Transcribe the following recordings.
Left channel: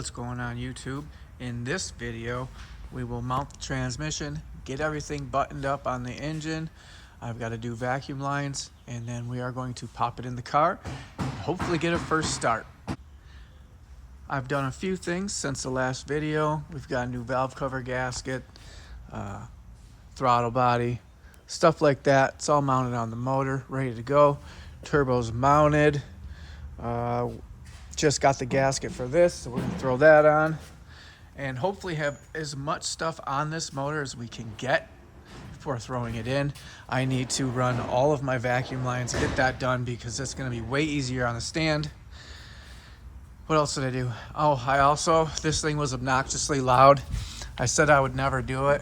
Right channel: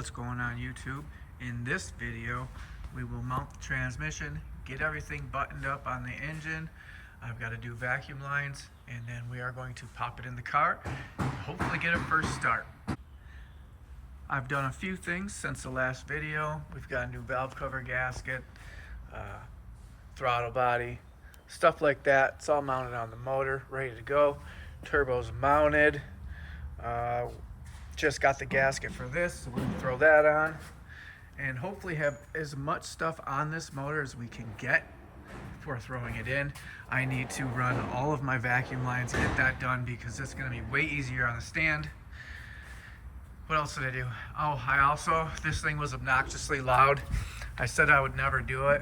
What's going on YouTube? In this video we will mount the transmission, get everything buttoned up on the engine. I've got to do vacuum lines, and then we are going to pop it in the car and hopefully get a first start. I've done a few things since the last video. We've got a new valve cover gasket, throttle body, stuff like that. It's all mounted on the motor, ready to go. Turbo's mounted. Just got the gasket for this, so we're gonna throw that on and hopefully have as much stuff on this motor as we can get before throwing it in. I need to run all of my vacuum lines, get that done, because it's gonna be way easier on the stand. What else did I do? Oh, this thing was obnoxiously loud. I said I would never do it,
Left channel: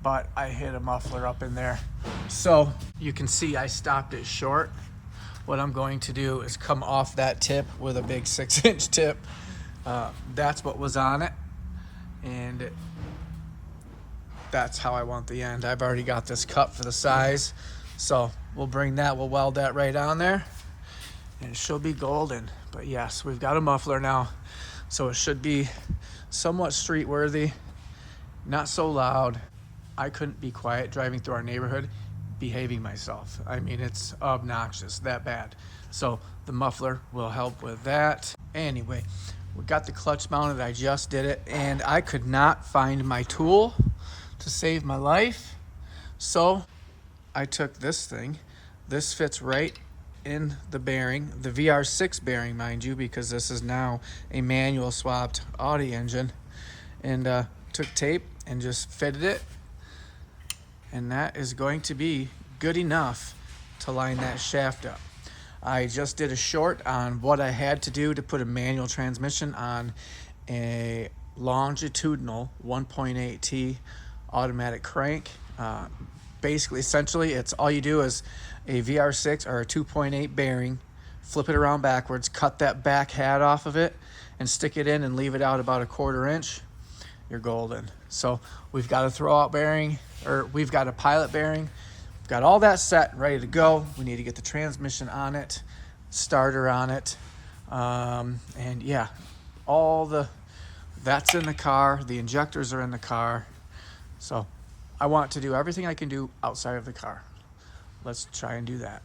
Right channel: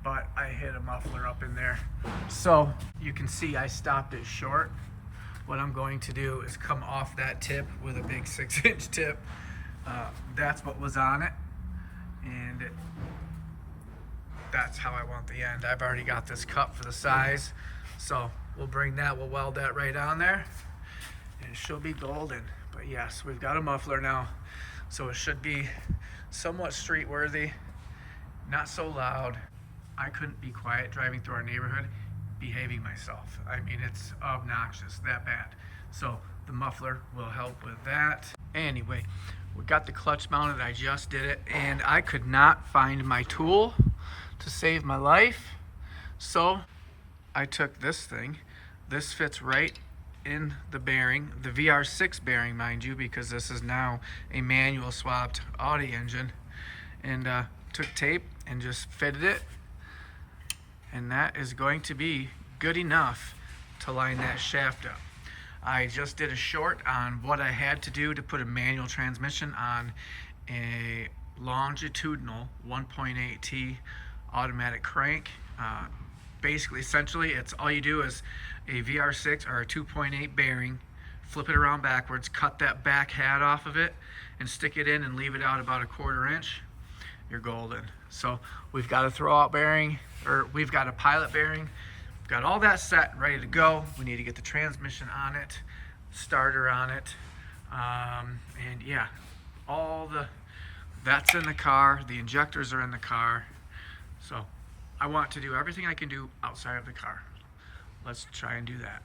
but I hit a muffler up in there. So you can see I stopped it short. What I'm going to do is come off that tip with a big 6-inch tip. That's what was on it, and that's how I want the end. I've already got this cut for the size, so we'll bring that, we'll weld that right on there, and it should be golden. But yes, we've got a muffler now, so it should be somewhat street worthy, not so loud. I couldn't be quiet driving through our neighborhood behaving myself. I mean, it's obnoxious, that bad. So the muffler will help with that. Anyway, we got the clutch mounted. I just did it, and I could not find my tool to save my life. So I took this thing. This fits right in the bearing, the VR6 bearing, mind you, because this is now a manual swapped Audi engine, and took tape and just fitted it. And that is going to be good enough to line that shaft up. I just did a short on what I had to do to put a manual transmission on a longitudinal 1.8T automatic crank. Basically, essentially, it's all you do is a VR6 or a 2.8 bearing, flip it around backwards, cut that back hat off of it, and stick it in and leave it out about a 1/4 inch. You're golden. So we've got a throwout bearing, or we've got a pilot bearing. We've got all that set, ready to go. We need to get the transmission on it, starter on it, and yeah, that's in the car. The injectors are in the car. So I want to do everything I can do outside of the car. Let's try and do that.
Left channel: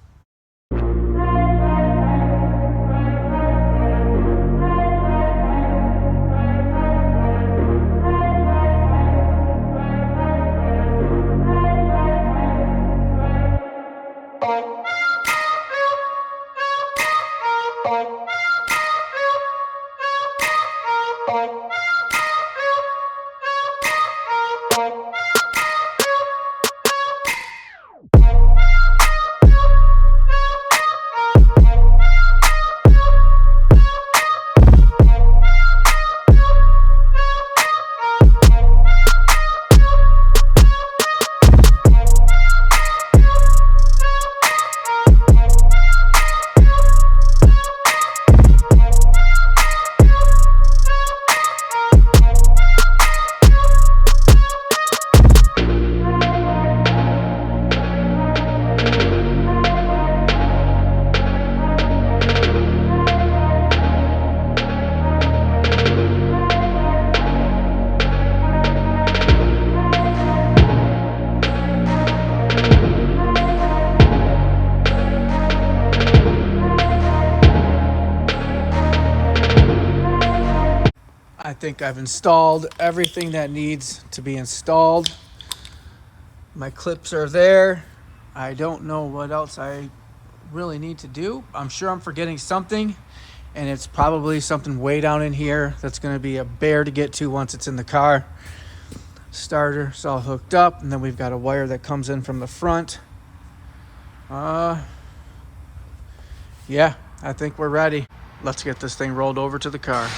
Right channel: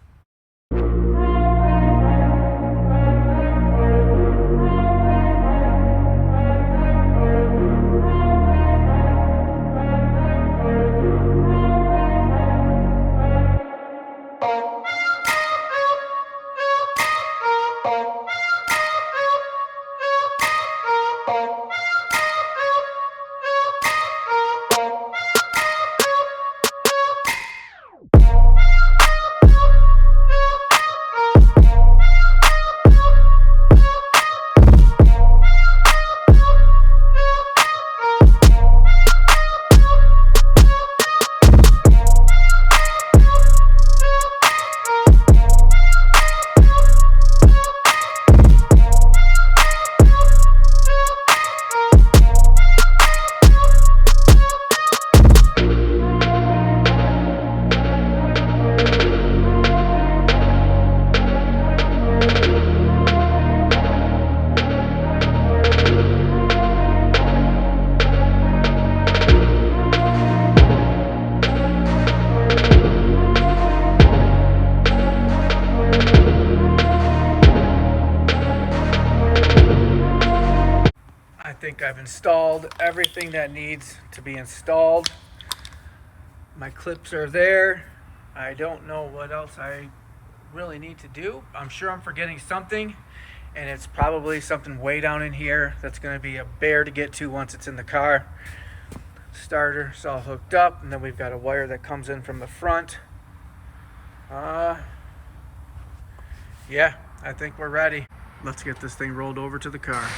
I think I've installed everything that needs to be installed. My clips are there. I don't know what else I really need to do. I'm sure I'm forgetting something, and it's probably something way down in here that's going to be a bear to get to once it's in the car. Starter's all hooked up, and then we've got a wire that comes in from the front. Yeah, I think we're ready. Let's get this thing rolled over to the car.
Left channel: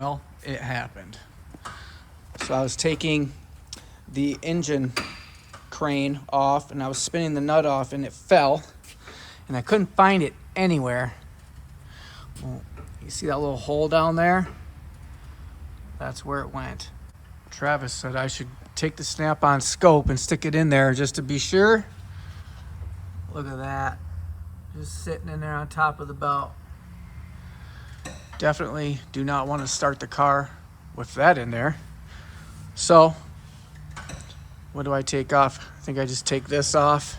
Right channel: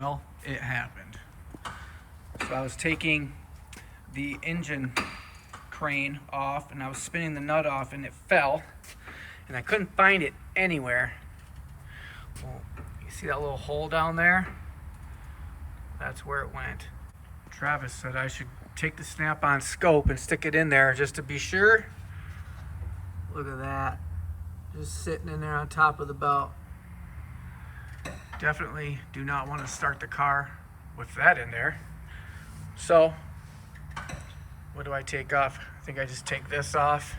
Well, it happened. So I was taking the engine crane off and I was spinning the nut off, and it fell, and I couldn't find it anywhere. Well, you see that little hole down there? That's where it went. Travis said I should take the snap-on scope and stick it in there just to be sure. Look at that. Just sitting in there on top of the belt. Definitely do not want to start the car with that in there. So, what do I take off? I think I just take this off.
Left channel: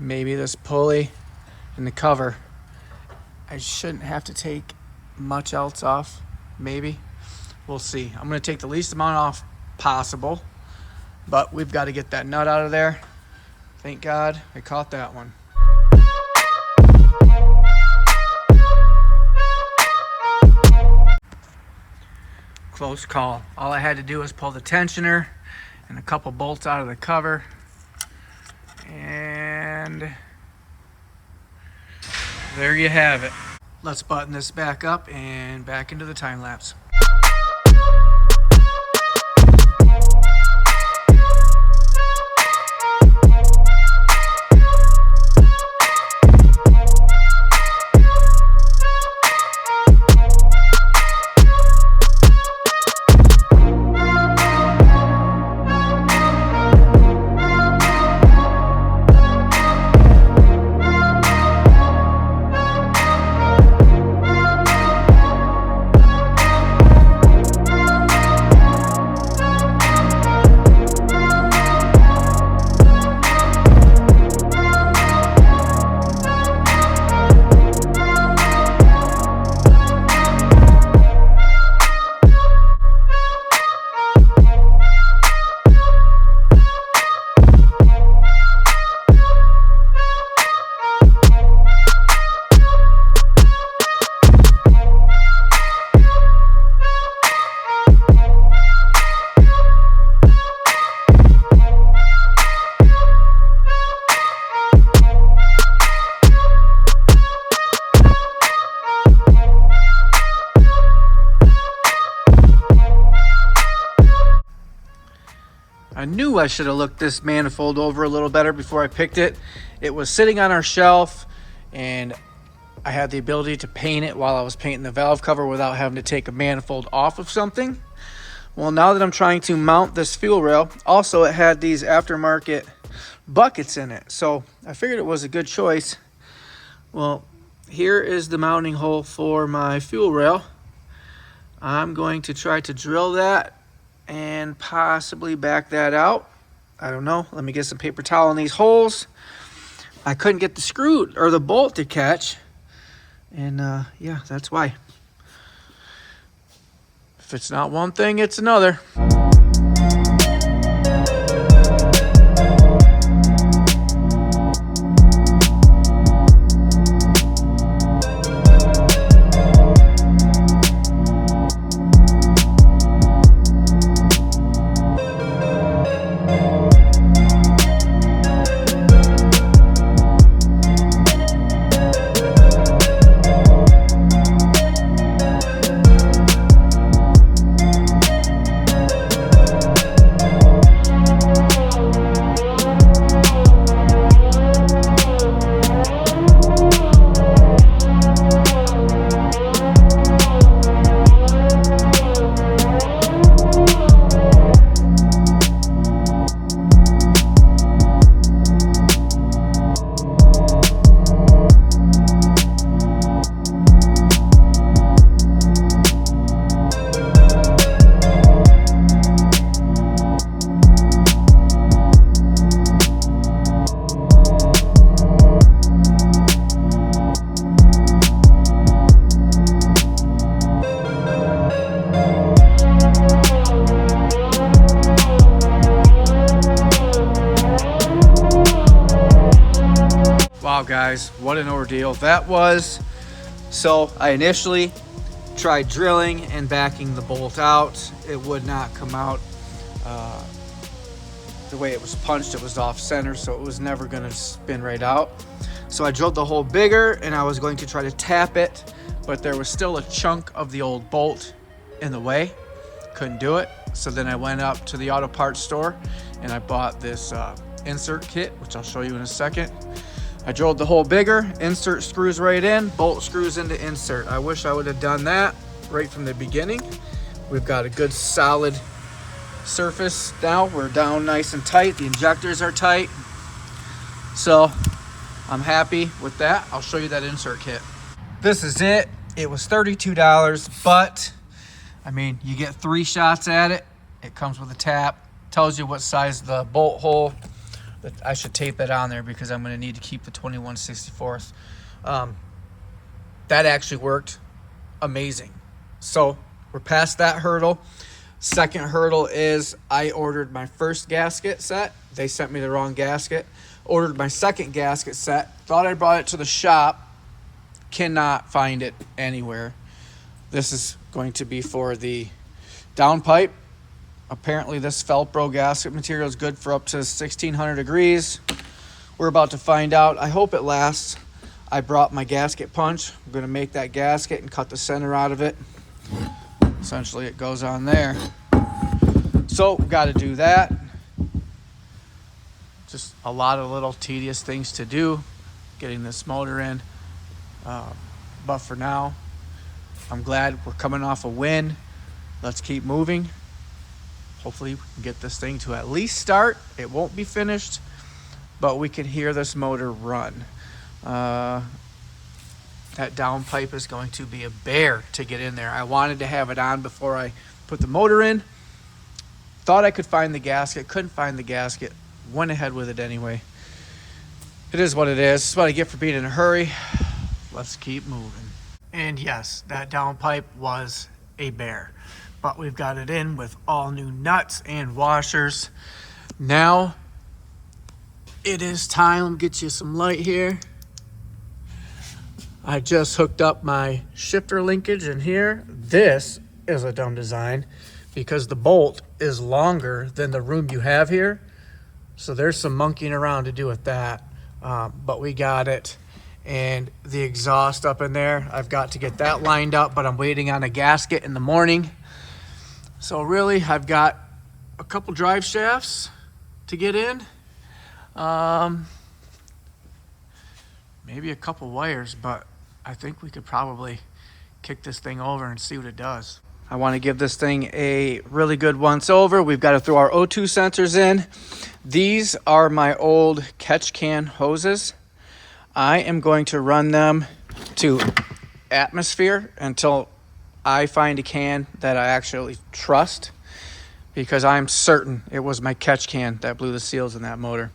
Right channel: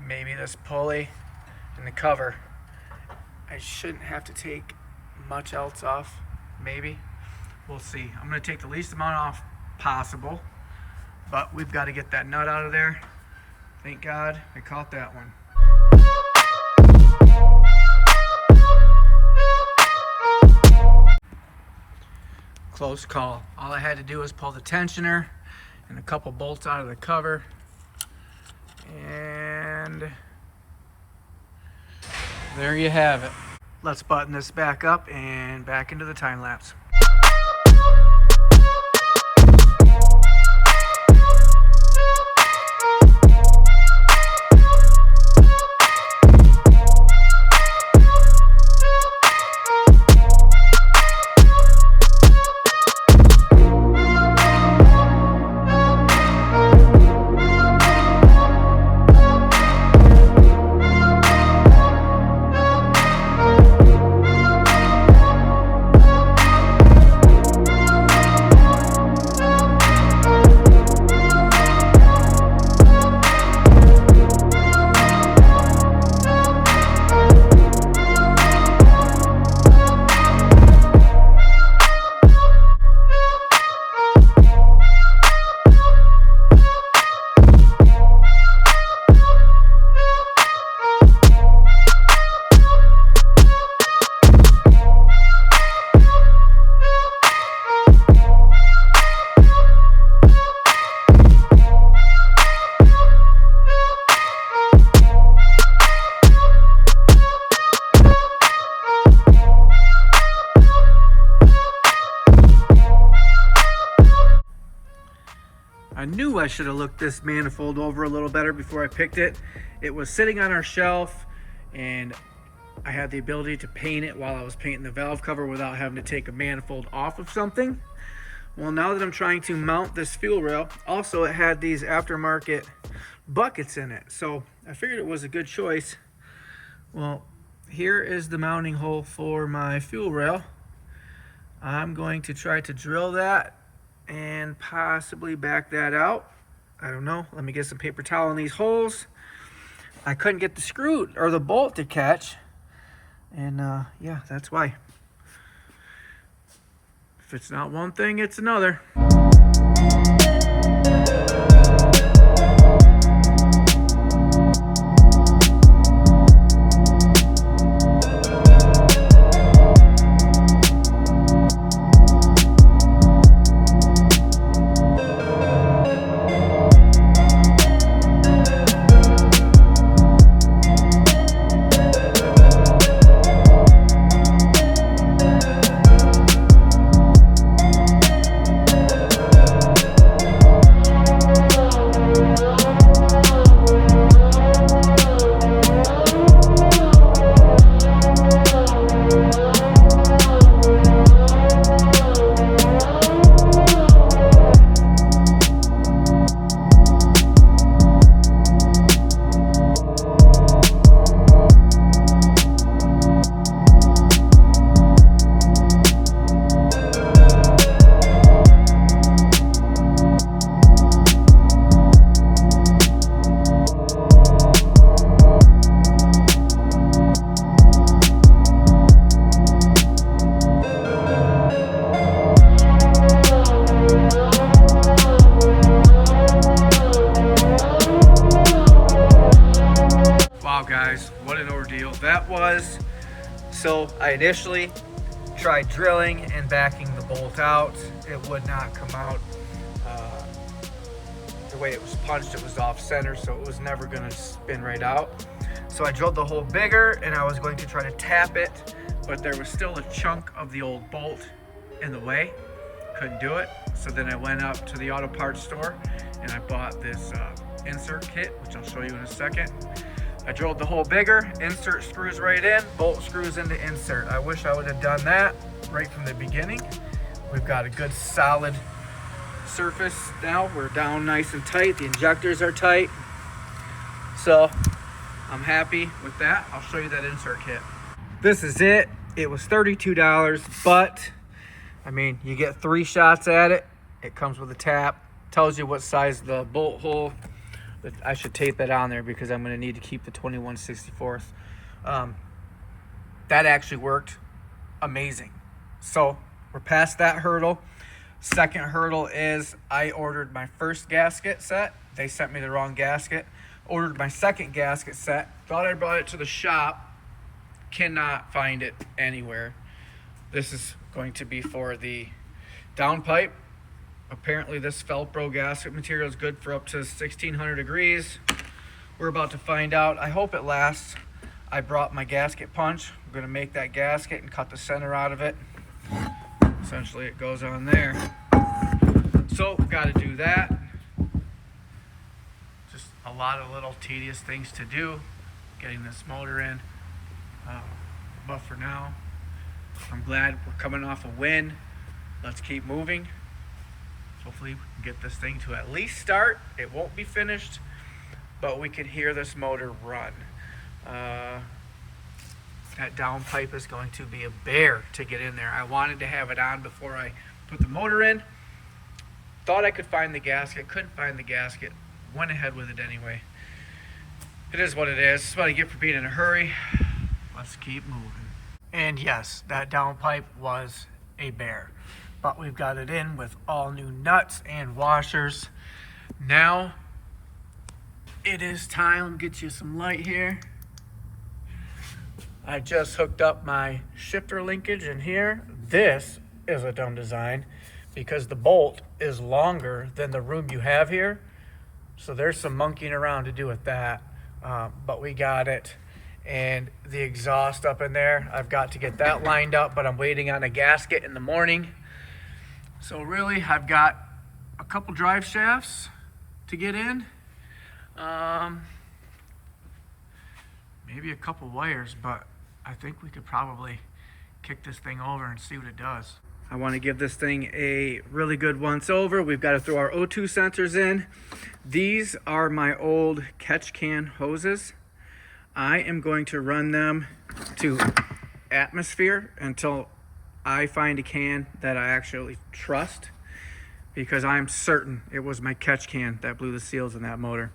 Maybe this pulley and the cover. I shouldn't have to take much else off. Maybe. We'll see. I'm going to take the least amount off possible. But we've got to get that nut out of there. Thank God I caught that one. Close call. All I had to do was pull the tensioner and a couple bolts out of the cover. And there you have it. Let's button this back up and back into the time lapse. I knew I should have looked this manifold over a little better before I picked it. It was sitting on our shelf and I had the ability to paint it while I was painting the valve cover without having to take a manifold off of something. Well, now that I'm trying to mount this fuel rail, also it had these aftermarket buckets in it. So I figured it was a good choice. Well, here is the mounting hole for my fuel rail. I'm going to try to drill that and possibly back that out. I don't know. Let me get some paper towel in these holes. I couldn't get the screw or the bolt to catch. And yeah, that's why. If it's not one thing, it's another. Wow guys, what an ordeal that was. So I initially tried drilling and backing the bolt out. It would not come out the way it was punched. It was off center, so it was never going to spin right out. So I drilled the hole bigger and I was going to try to tap it, but there was still a chunk of the old bolt in the way. Couldn't do it. So then I went up to the auto parts store and I bought this insert kit, which I'll show you in a second. I drilled the hole bigger, insert screws right in, bolt screws into insert. I wish I would have done that right from the beginning. We've got a good solid surface now. We're down nice and tight. The injectors are tight. So I'm happy with that. I'll show you that insert kit. This is it. It was $32, but I mean, you get 3 shots at it. It comes with a tap, tells you what size the bolt hole. I should tape that on there because I'm gonna need to keep the 21/64. That actually worked amazing. So we're past that hurdle. Second hurdle is I ordered my first gasket set. They sent me the wrong gasket. Ordered my second gasket set. Thought I brought it to the shop. Cannot find it anywhere. This is going to be for the downpipe. Apparently this Velcro gasket material is good for up to 1600 degrees. We're about to find out. I hope it lasts. I brought my gasket punch. I'm gonna make that gasket and cut the center out of it. Essentially it goes on there. So we gotta do that. Just a lot of little tedious things to do, getting this motor in. But for now, I'm glad we're coming off a win. Let's keep moving. Hopefully we can get this thing to at least start. It won't be finished, but we can hear this motor run. That downpipe is going to be a bear to get in there. I wanted to have it on before I put the motor in. Thought I could find the gasket, couldn't find the gasket. Went ahead with it anyway. It is what it is. It's what I get for being in a hurry. Let's keep moving. And yes, that downpipe was a bear. But we've got it in with all new nuts and washers. Now it is time. Let me get you some light here. I just hooked up my shifter linkage in here. This is a dumb design because the bolt is longer than the room you have here. So there's some monkeying around to do with that. But we got it. And the exhaust up in there, I've got to get that lined up, but I'm waiting on a gasket in the morning. So really, I've got a couple drive shafts to get in. Maybe a couple wires, but I think we could probably kick this thing over and see what it does. I want to give this thing a really good once over. We've got to throw our O2 sensors in. These are my old catch can hoses. I am going to run them to atmosphere until I find a can that I actually trust, because I'm certain it was my catch can that blew the seals in that motor.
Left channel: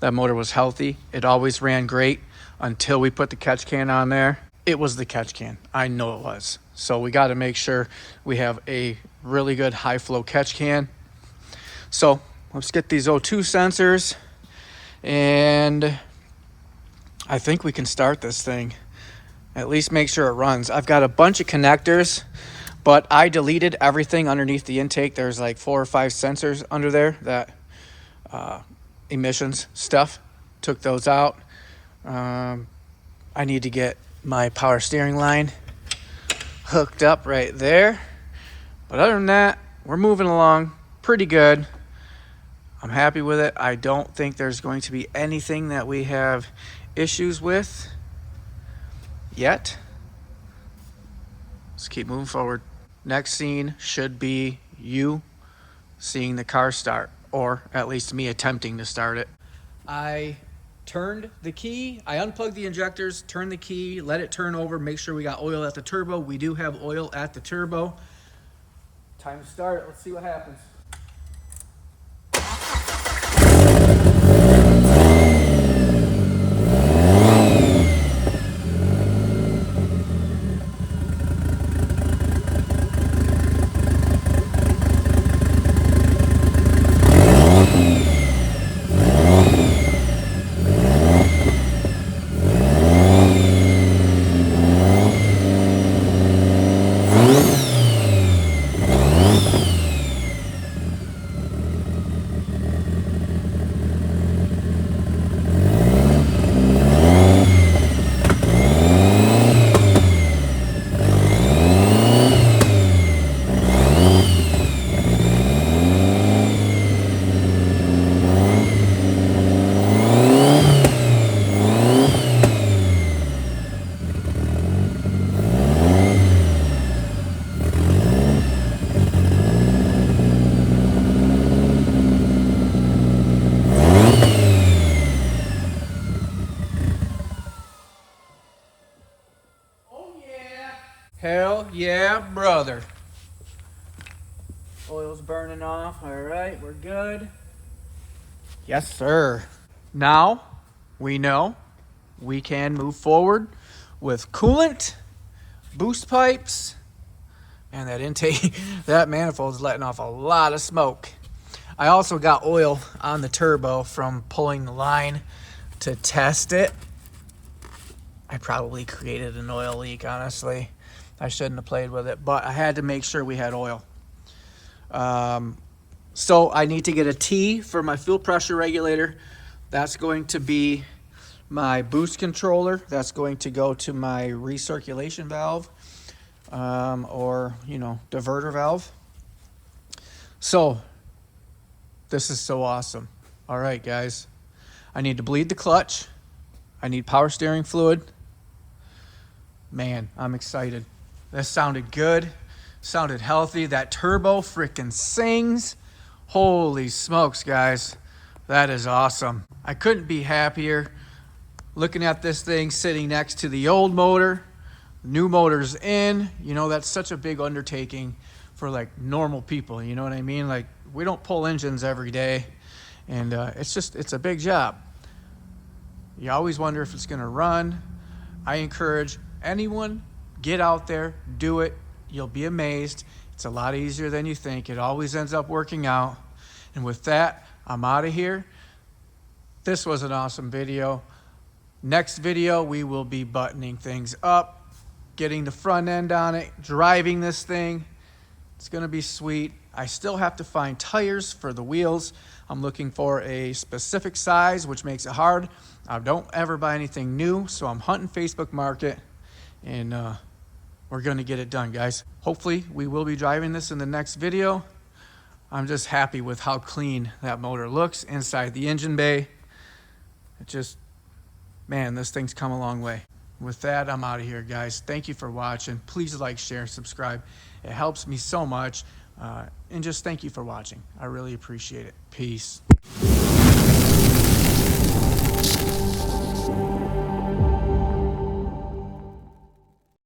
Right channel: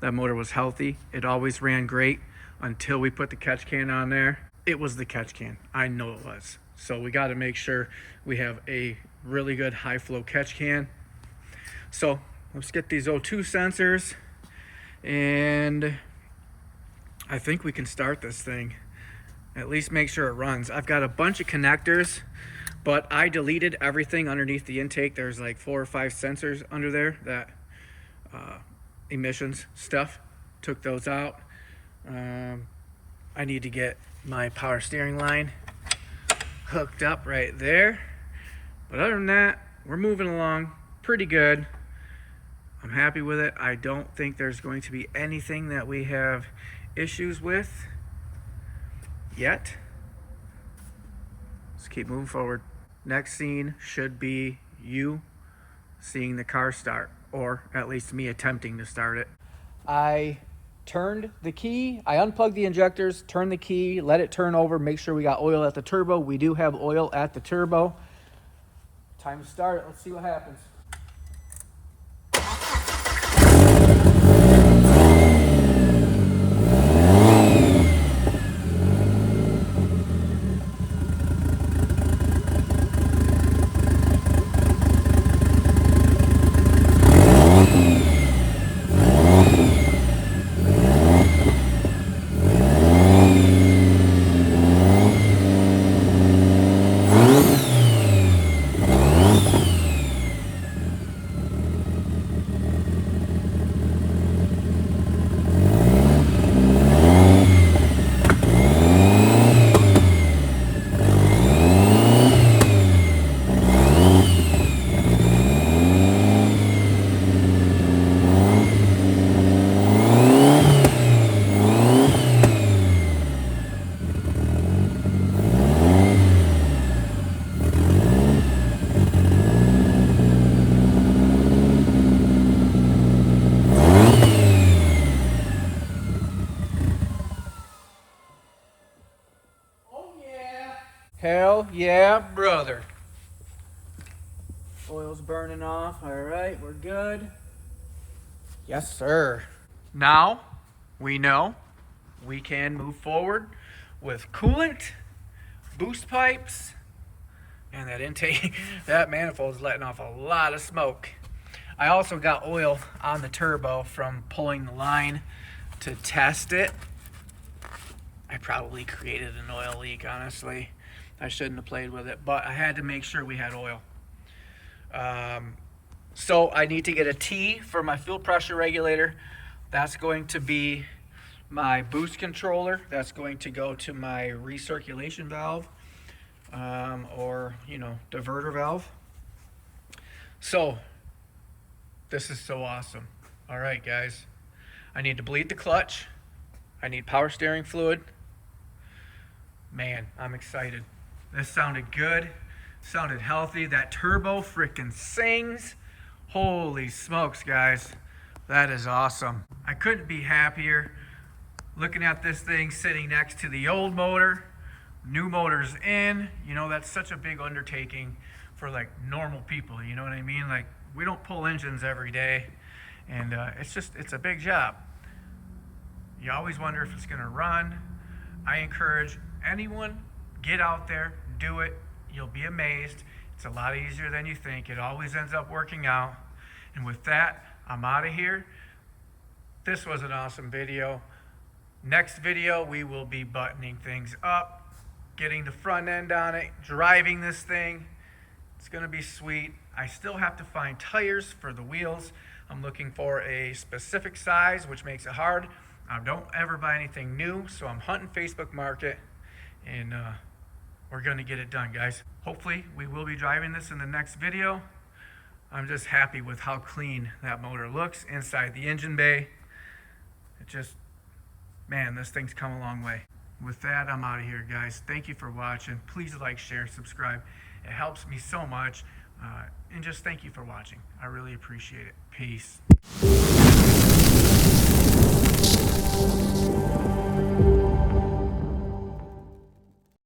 That motor was healthy. It always ran great until we put the catch can on there. It was the catch can. I know it was. So we got to make sure we have a really good high flow catch can. So let's get these O2 sensors, and I think we can start this thing. At least make sure it runs. I've got a bunch of connectors, but I deleted everything underneath the intake. There's like 4 or 5 sensors under there, that emissions stuff. Took those out. I need to get my power steering line hooked up right there. But other than that, we're moving along pretty good. I'm happy with it. I don't think there's going to be anything that we have issues with yet. Let's keep moving forward. Next scene should be you seeing the car start, or at least me attempting to start it. I turned the key, I unplugged the injectors, turned the key, let it turn over, make sure we got oil at the turbo. We do have oil at the turbo. Time to start it. Let's see what happens. Yeah, brother. Oil's burning off. All right, we're good. Yes, sir. Now we know we can move forward with coolant, boost pipes, and that intake. That manifold is letting off a lot of smoke. I also got oil on the turbo from pulling the line to test it. I probably created an oil leak, honestly. I shouldn't have played with it, but I had to make sure we had oil. So I need to get a T for my fuel pressure regulator. That's going to be my boost controller. That's going to go to my recirculation valve, or, you know, diverter valve. So this is so awesome. All right, guys. I need to bleed the clutch. I need power steering fluid. Man, I'm excited. That sounded good. Sounded healthy. That turbo freaking sings. Holy smokes, guys. That is awesome. I couldn't be happier looking at this thing sitting next to the old motor. New motor's in. You know, that's such a big undertaking for like normal people. You know what I mean? Like, we don't pull engines every day. And it's a big job. You always wonder if it's gonna run. I encourage anyone, get out there, do it. You'll be amazed. It's a lot easier than you think. It always ends up working out. And with that, I'm out of here. This was an awesome video. Next video, we will be buttoning things up, getting the front end on it, driving this thing. It's gonna be sweet. I still have to find tires for the wheels. I'm looking for a specific size, which makes it hard. I don't ever buy anything new, so I'm hunting Facebook Market, and we're gonna get it done, guys. Hopefully, we will be driving this in the next video. I'm just happy with how clean that motor looks inside the engine bay. It just, man, this thing's come a long way. With that, I'm out of here, guys. Thank you for watching. Please like, share, subscribe. It helps me so much. And just thank you for watching. I really appreciate it. Peace.